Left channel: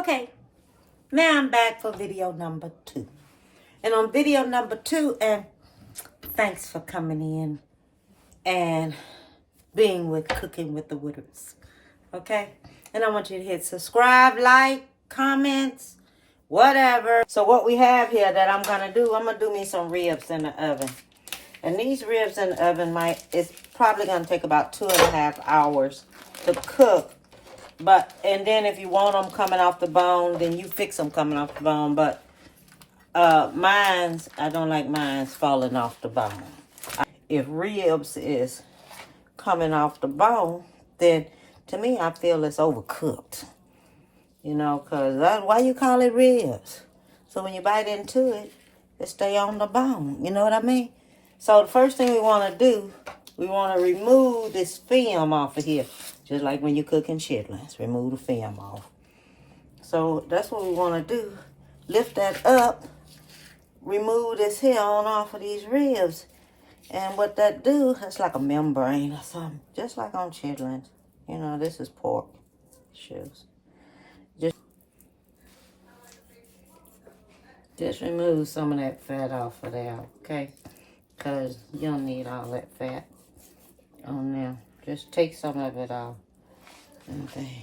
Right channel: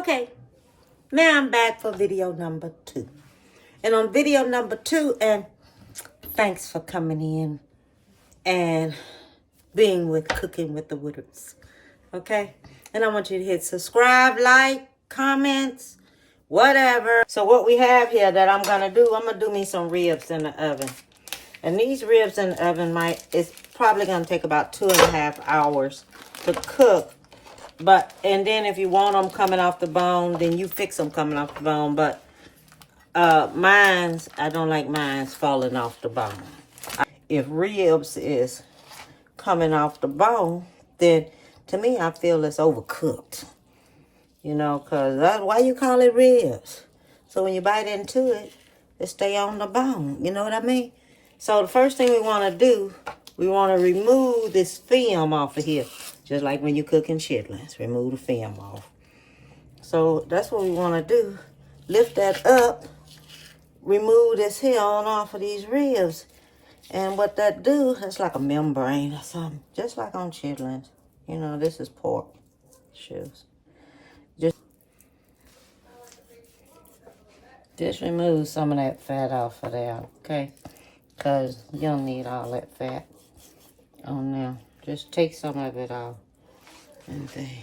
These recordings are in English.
Okay, now I'm back for video number 2. And on video number 2, and thanks for coming in and being with Cooking with the Woodards. Okay? And I want you to hit subscribe, like, comments, whatever. So what we have here that I'm going to do me some ribs in the oven. And these ribs in the oven it's probably going to take about 2.5 hours to cook. And then if you want them coming off the bone, then you fix them coming off the bone. But I don't like mine's falling off the bone. If ribs is coming off the bone, then to me, I feel it's overcooked. You know, because why you call it ribs? So when you bite into it, it stay on the bone. You know what I mean? So the first thing we want to do, we want to remove this film off of here. Just like when you're cooking chitlins, remove the film off. So that's what we want to do. Lift that up, remove this hair on off of these ribs. And what that do, it's like a membrane or something. Just like on chitlins. You know, this is pork shoes. Just remove some of that fat off of there, okay? Because you don't need all that fat on there. Just take some of it off and things.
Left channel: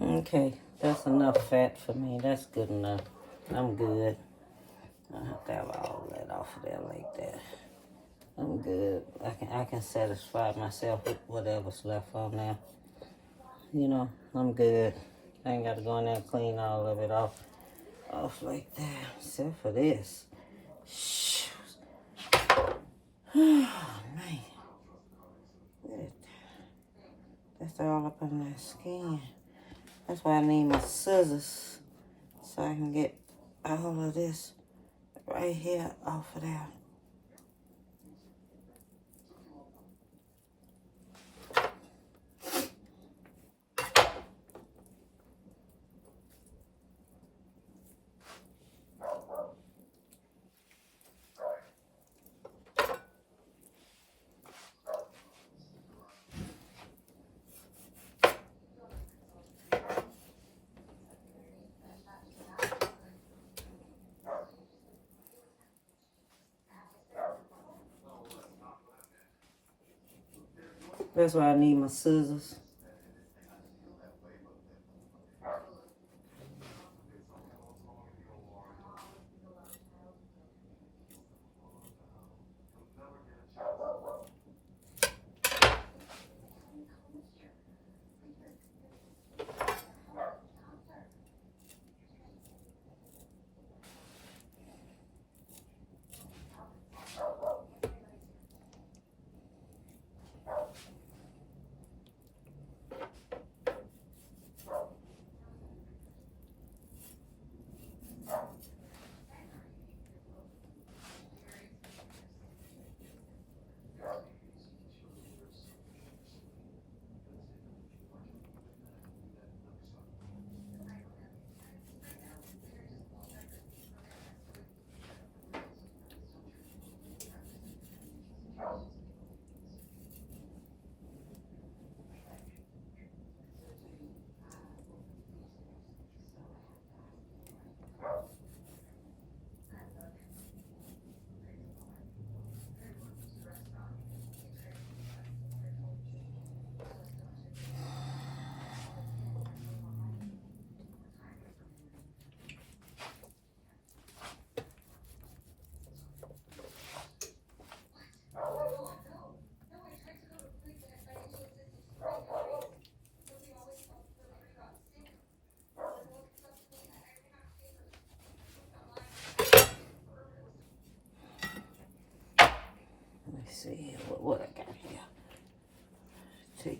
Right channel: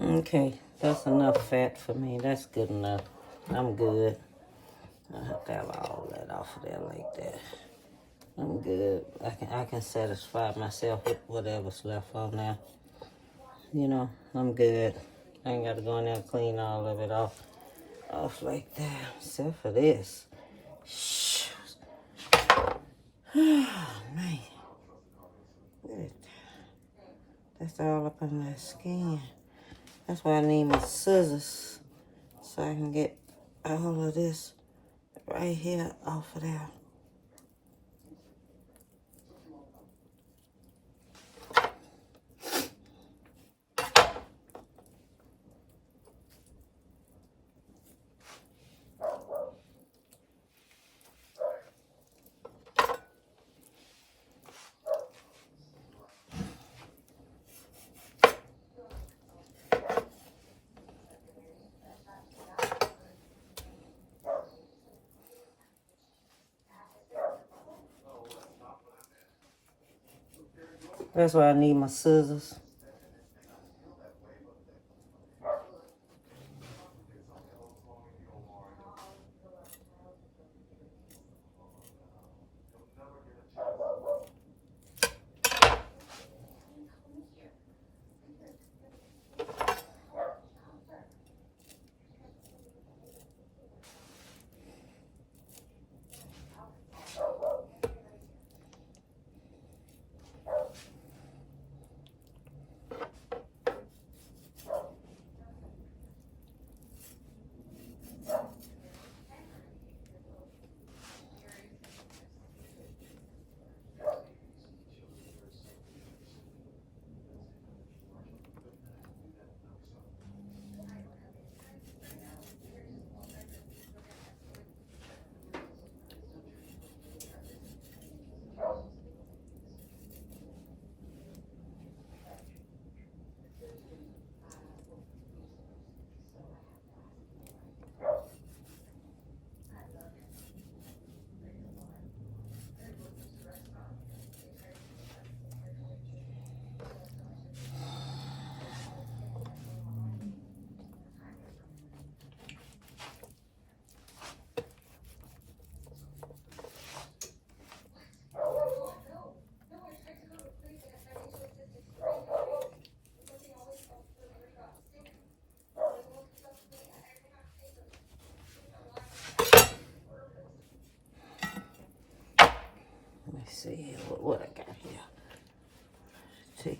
Okay, that's enough fat for me. That's good enough. I'm good. I have to have all that off of there like that. I'm good. I can satisfy myself with whatever's left on there. You know, I'm good. I ain't got to go in there and clean all of it off like that. Except for this. Oh, man. Good. That's all up in my skin. That's why I need my scissors. So I can get all of this right here off of there. That's why I need my scissors.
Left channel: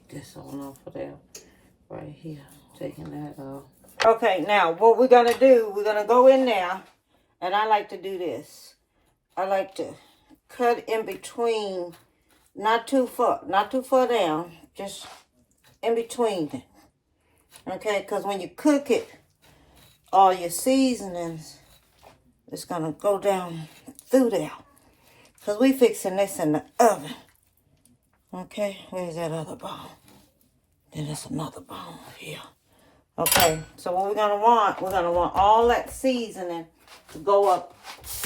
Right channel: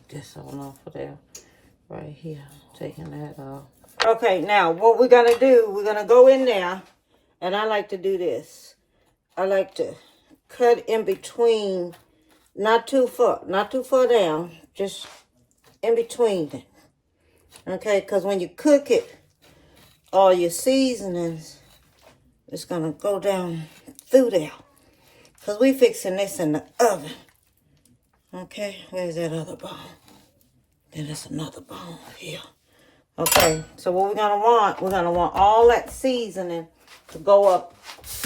this on off of there. Right here. Taking that off. Okay, now what we're going to do, we're going to go in there. And I like to do this. I like to cut in between, not too far down, just in between it. Okay, because when you cook it, all your seasonings is going to go down through there. Because we fixing this in the oven. Okay, where's that other bone? Then there's another bone here. Okay, so what we're going to want all that seasoning to go up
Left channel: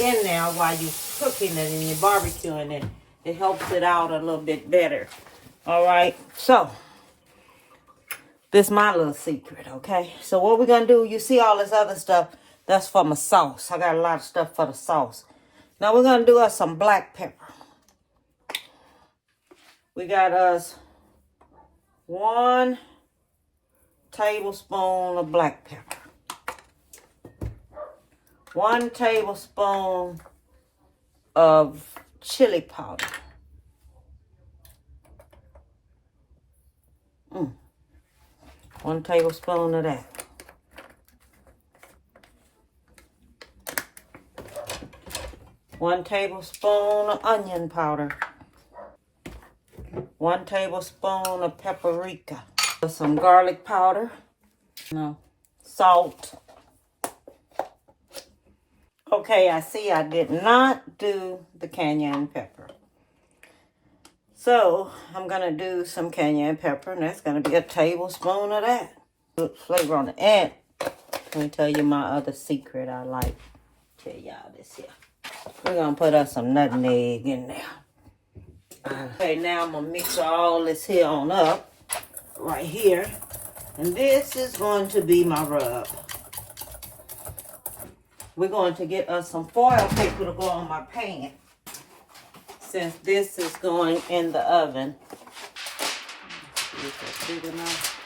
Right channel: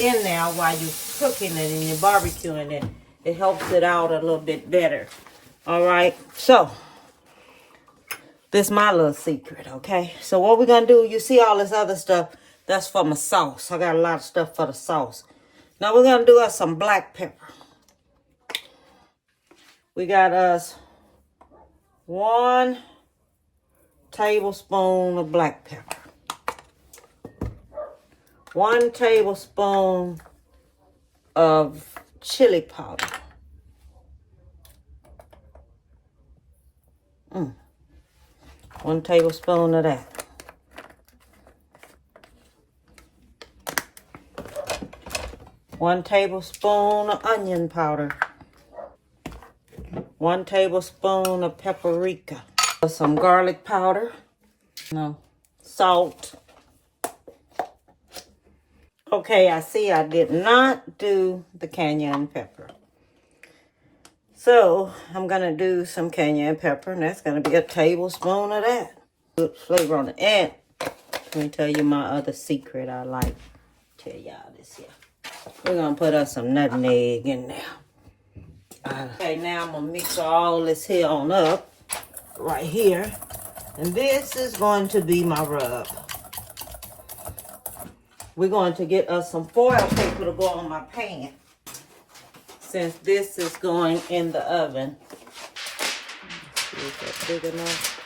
in there while you're cooking it and you're barbecuing it. It helps it out a little bit better. All right, so this is my little secret, okay? So what we're going to do, you see all this other stuff, that's for my sauce. I got a lot of stuff for the sauce. Now we're going to do us some black pepper. We got us 1 tablespoon of black pepper. 1 tablespoon of chili powder. 1 tablespoon of that. 1 tablespoon of onion powder. 1 tablespoon of paprika. Some garlic powder. Salt. Okay, I see I did not do the cayenne pepper. So, I'm going to do some cayenne pepper, and that's going to be a tablespoon of that. Good flavor on the end. Let me tell you my other secret I like. Tell y'all this here. We're going to put us some nutmeg in there. Okay, now I'm going to mix all this here on up. Right here. And this is going to be my rub. We're going to get us some foil paper to go on my pan. Since this is going in the oven. Is that big enough?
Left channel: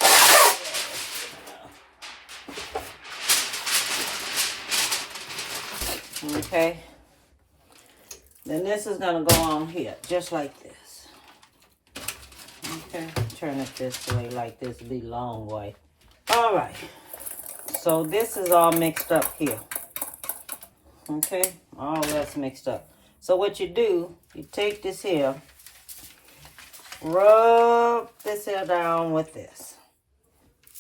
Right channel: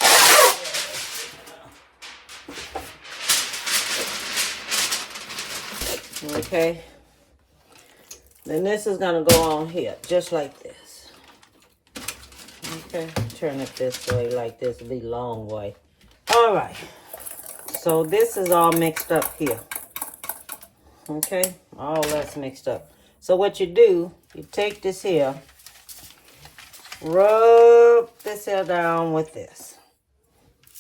Okay. Then this is going to go on here, just like this. Okay. Turn it this way, like this will be long way. All right. So this is all mixed up here. Okay. All that's mixed up. So what you do, you take this here, rub this here down with this.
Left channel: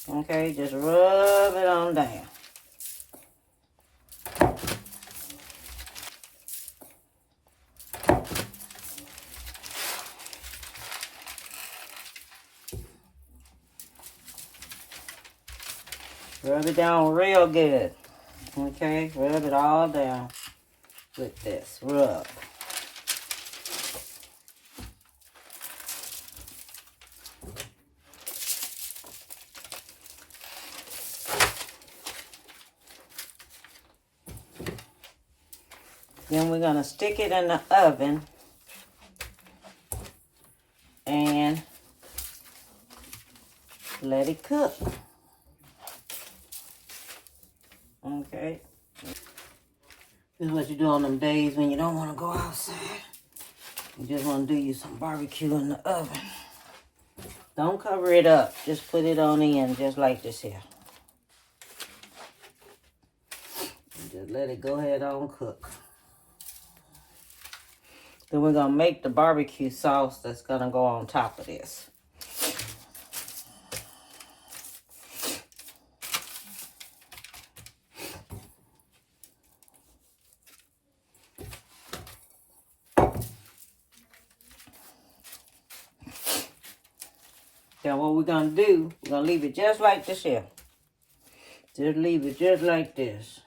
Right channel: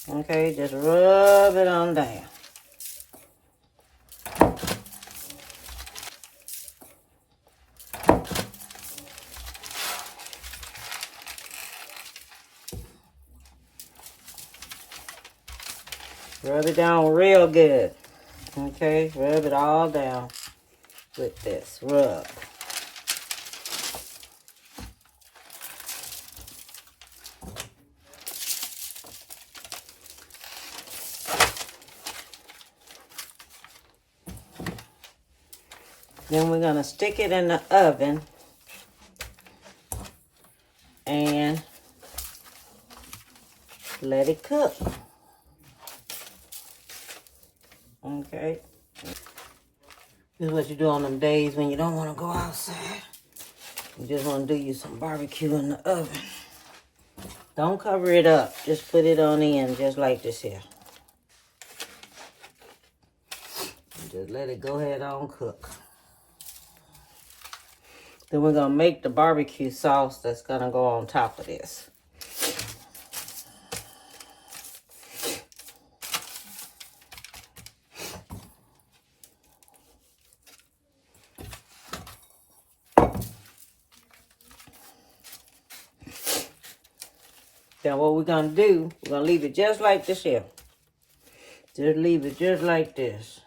Okay, just rub it on down. Rub it down real good. Okay, rub it all down with this rub. Then we're going to stick it in the oven and let it cook. Okay. This is what you do on them days when you don't want to go outside. You just want to do you some barbecue in the oven. Don't cover it up. Just put it on in just like this here. And just let it go ahead on cook. Then we're going to make the barbecue sauce that's going to go on top of this. Now what we're going to do, we're going to leave it just like this here. Just leave it just like this.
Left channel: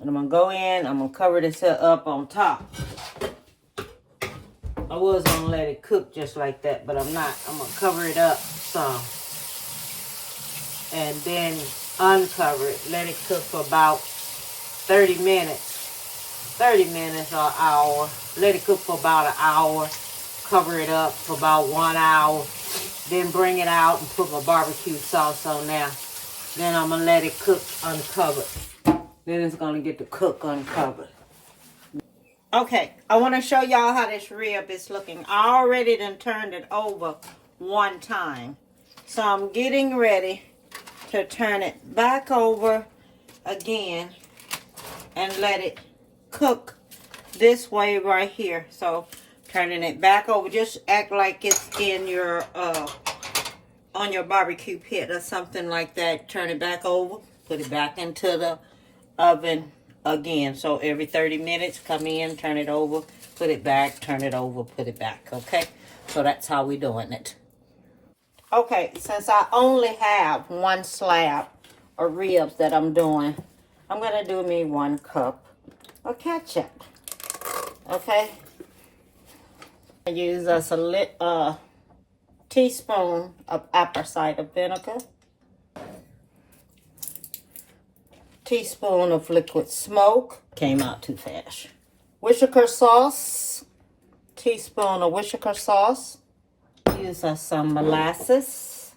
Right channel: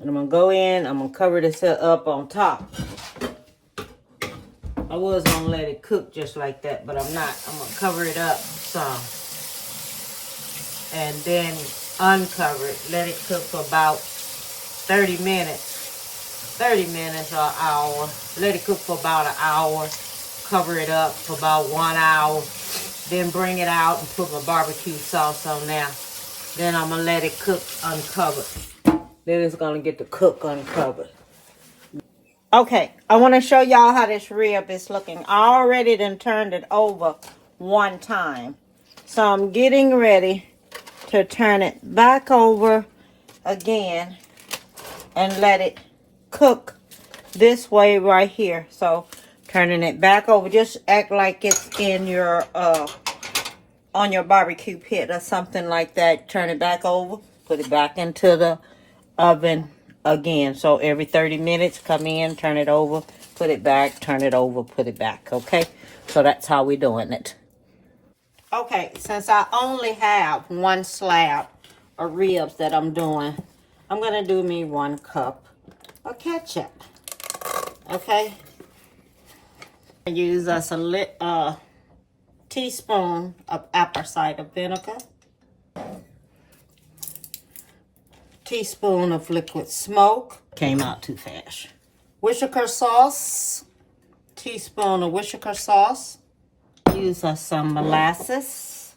And I'm going to go in, I'm going to cover this here up on top. I was going to let it cook just like that, but I'm not. I'm going to cover it up some. And then uncover it. Let it cook for about 30 minutes. 30 minutes or an hour. Let it cook for about an hour. Cover it up for about 1 hour. Then bring it out and put my barbecue sauce on there. Then I'm going to let it cook uncovered. Then it's going to get to cook uncovered. Okay, I want to show y'all how this rib is looking. I already done turned it over one time. So I'm getting ready to turn it back over again and let it cook this way right here. So turning it back over, just act like it's in your on your barbecue pit or something like that. Turn it back over, put it back into the oven again. So every 30 minutes, come in, turn it over, put it back, turn it over, put it back. Okay, so that's how we're doing it. Okay, since I only have one slab of ribs that I'm doing, I'm gonna do me 1 cup of ketchup. Okay, I use us a teaspoon of apple cider vinegar, teaspoon of liquid smoke. Came out too fast. Worcestershire sauce, teaspoon of Worcestershire sauce. Use us some molasses.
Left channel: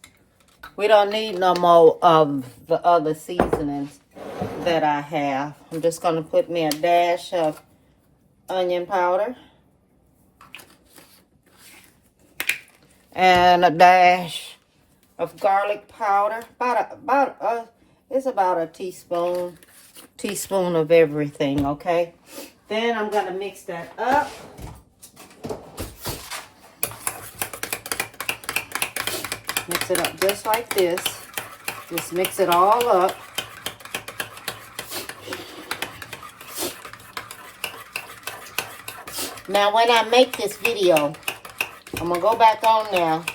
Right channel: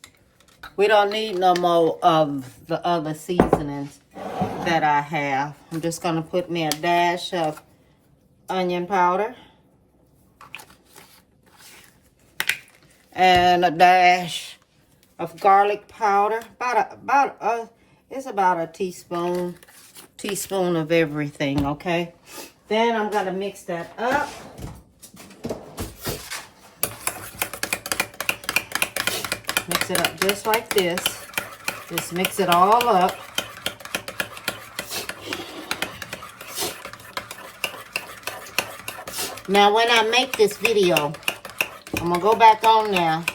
We don't need no more of the other seasonings that I have. I'm just gonna put me a dash of onion powder and a dash of garlic powder. It's about a teaspoon of everything. Okay. Then I'm gonna mix that up. Mix it up just like this. Just mix it all up. Now, when I make this video, I'm gonna go back on now.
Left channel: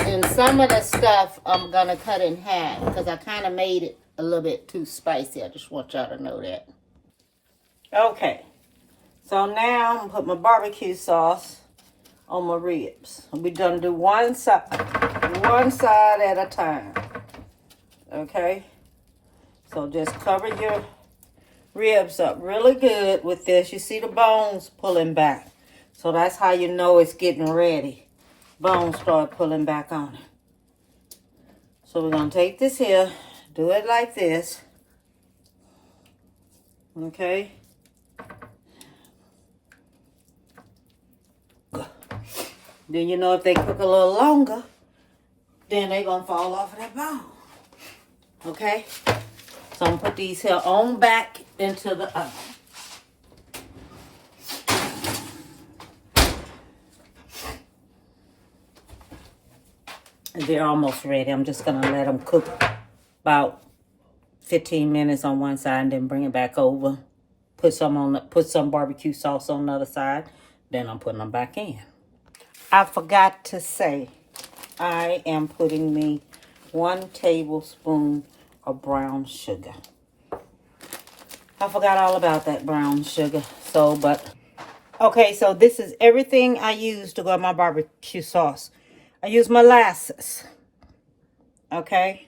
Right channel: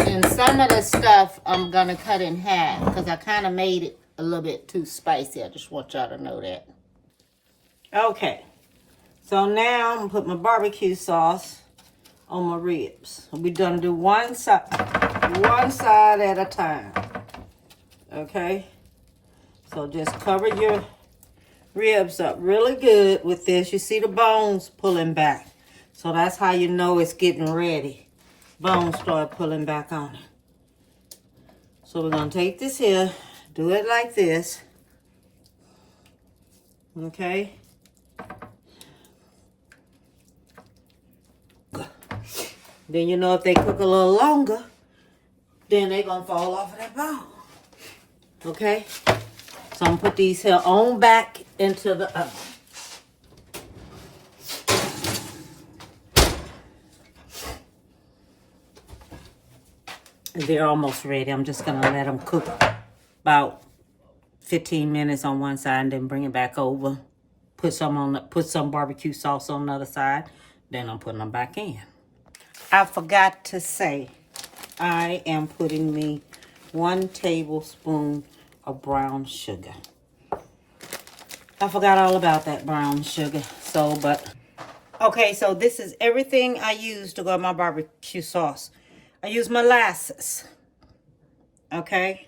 And some of the stuff I'm gonna cut in half because I kind of made it a little bit too spicy. I just want y'all to know that. Okay. So now I'm gonna put my barbecue sauce on my ribs. We're gonna do one side at a time. Okay, so just cover your ribs up really good with this. You see the bones pulling back, so that's how you know it's getting ready. Bones start pulling back on it. So we're gonna take this here, do it like this. Okay. Then you know if they cook a little longer, then they're going to fall off of that bone. Okay? So I'm going to put these here on back into the oven. They're almost ready. I'm just going to let them cook about 15 minutes on one side and then bring it back over. Put some barbecue sauce on the other side. Then I'm putting them back in. I forgot to say, I am putting me 1 tablespoon of brown sugar. I forgot all about that brown sugar. Okay, so this is everything I use to go in my barbecue sauce. I use molasses. Okay.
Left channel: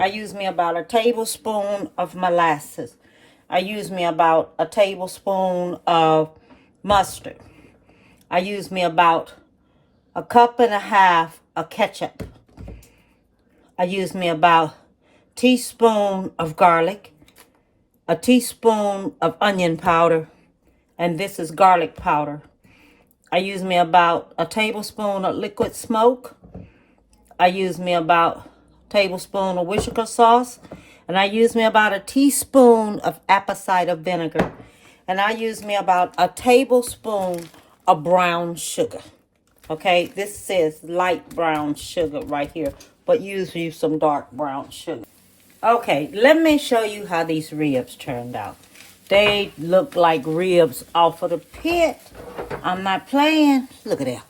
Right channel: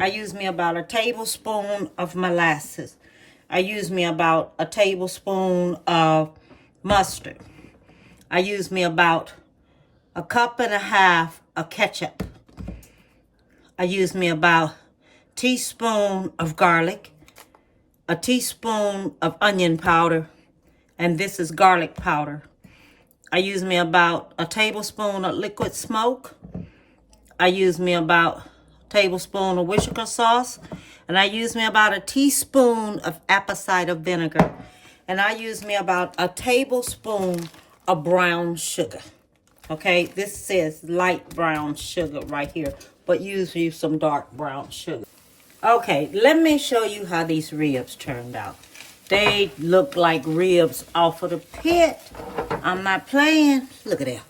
I use me about a tablespoon of molasses. I use me about a tablespoon of mustard. I use me about 1.5 cups of ketchup. I use me about a teaspoon of garlic, a teaspoon of onion powder, and this is garlic powder. I use me about a tablespoon of liquid smoke. I use me about a tablespoon of Worcestershire sauce, and I use me about a teaspoon of apple cider vinegar, and I use me about a tablespoon of brown sugar. Okay, this says light brown sugar right here, but use some dark brown sugar. Okay, let me show you how these ribs turned out. They look like ribs off of the pit. I'm not playing. Look at that.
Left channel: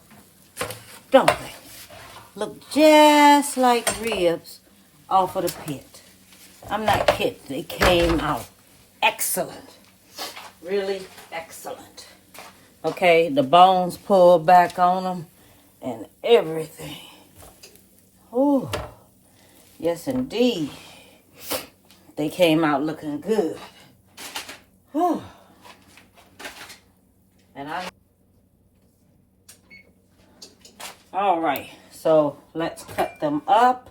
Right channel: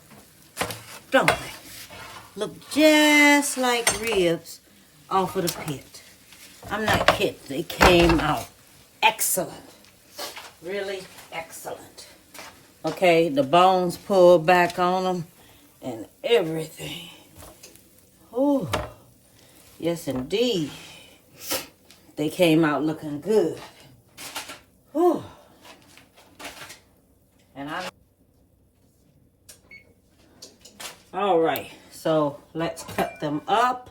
Don't they? Look just like ribs off of the pit. I'm not kidding. They came out excellent. Really excellent. Okay, the bones pulled back on them and everything. Oh, yes indeed. They came out looking good. Whew. All right, so let's cut them up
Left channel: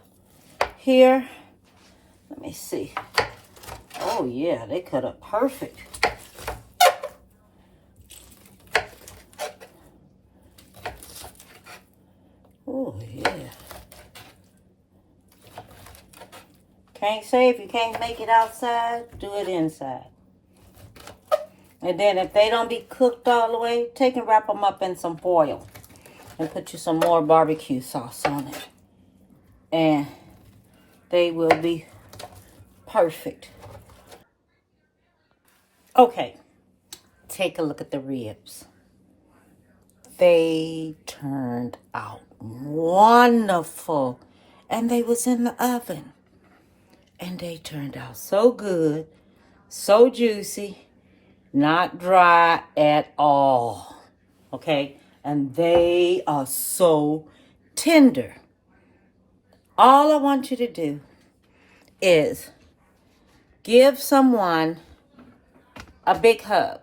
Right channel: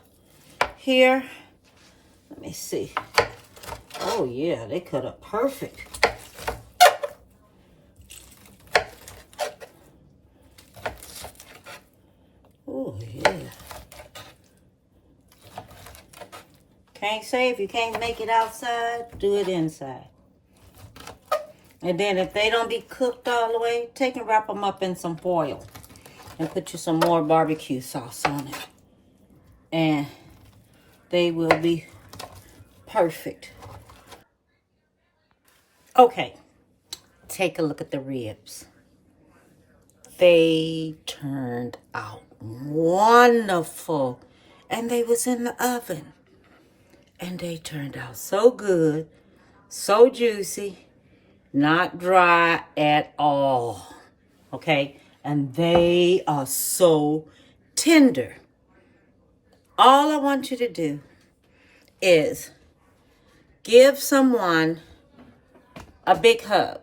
here. Let me see. Oh yeah, they cut up perfect. Oh, yeah. Can't say if you can't make it outside, do it inside. And then if they don't be cooked all the way, take and wrap them up in some foil. And put you some more barbecue sauce on it. And they will be perfect. Okay. Take a look at the ribs. They turned out wonderful. And they was in the oven. And they turned out so good, so juicy, not dry at all. Okay? And they are so tender. All I want you to do is give someone a big hug.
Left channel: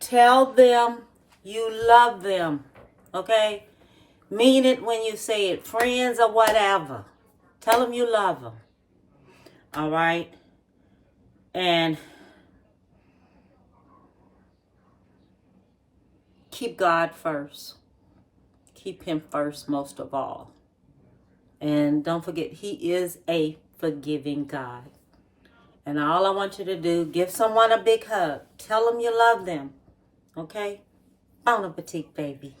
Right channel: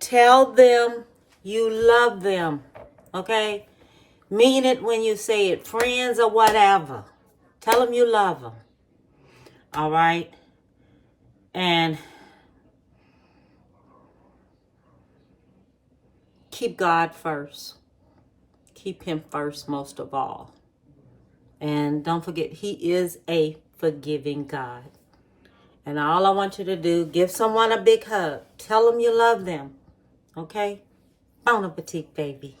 Tell them you love them. Okay? Mean it when you say it. Friends or whatever. Tell them you love them. All right? And keep God first. Keep him first most of all. And don't forget, he is a forgiving God. And all I want you to do, give someone a big hug. Tell them you love them. Okay? Bon appetit, baby.